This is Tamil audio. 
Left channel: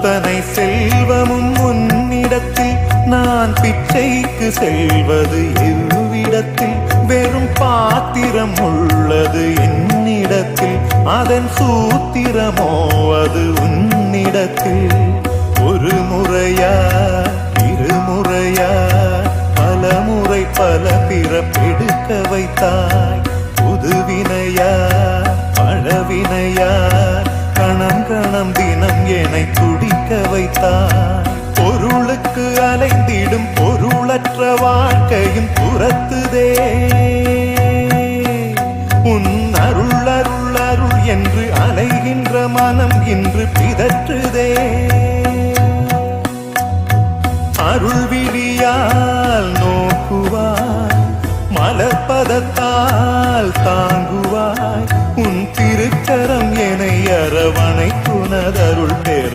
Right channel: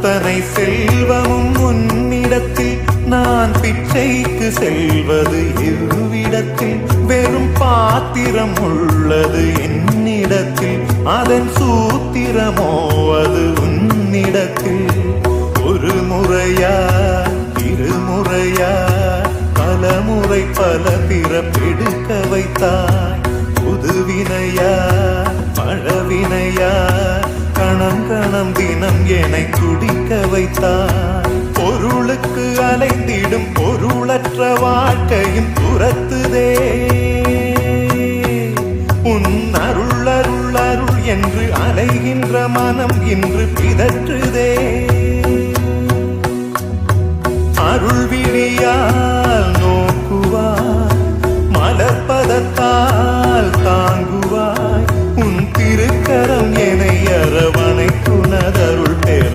அத்தனை செல்வமும் உன்னிடத்தில் நான் பிச்சைக்கு செல்வது எவ்விடத்தில் வெறும் பாத்திரம் உள்ளது என்னிடத்தில் அதன் சூத்திரமோ அது உன்னிடத்தில் ஒரு முறையா இருமுறையா பல முறை பல பிறப்பெடுக்க வைத்தாய் புதுவினையா பழவினையா கணம் கணம் தினம் என்னை துடிக்க வைத்தாய் பொருளுக்கு அலைந்திடும் பொருளற்ற வாழ்க்கையும் துரத்துதே உன் அருள் அருள் அருள் என்று அலைகின்ற மனம் இன்று பிதற்றுதே அருள் விழியால் நோக்குவாய் மலர்பதத்தால் தாங்குவாய் உன் திருக்கரம் என்னை அரவணைத்துனதருள் பேர்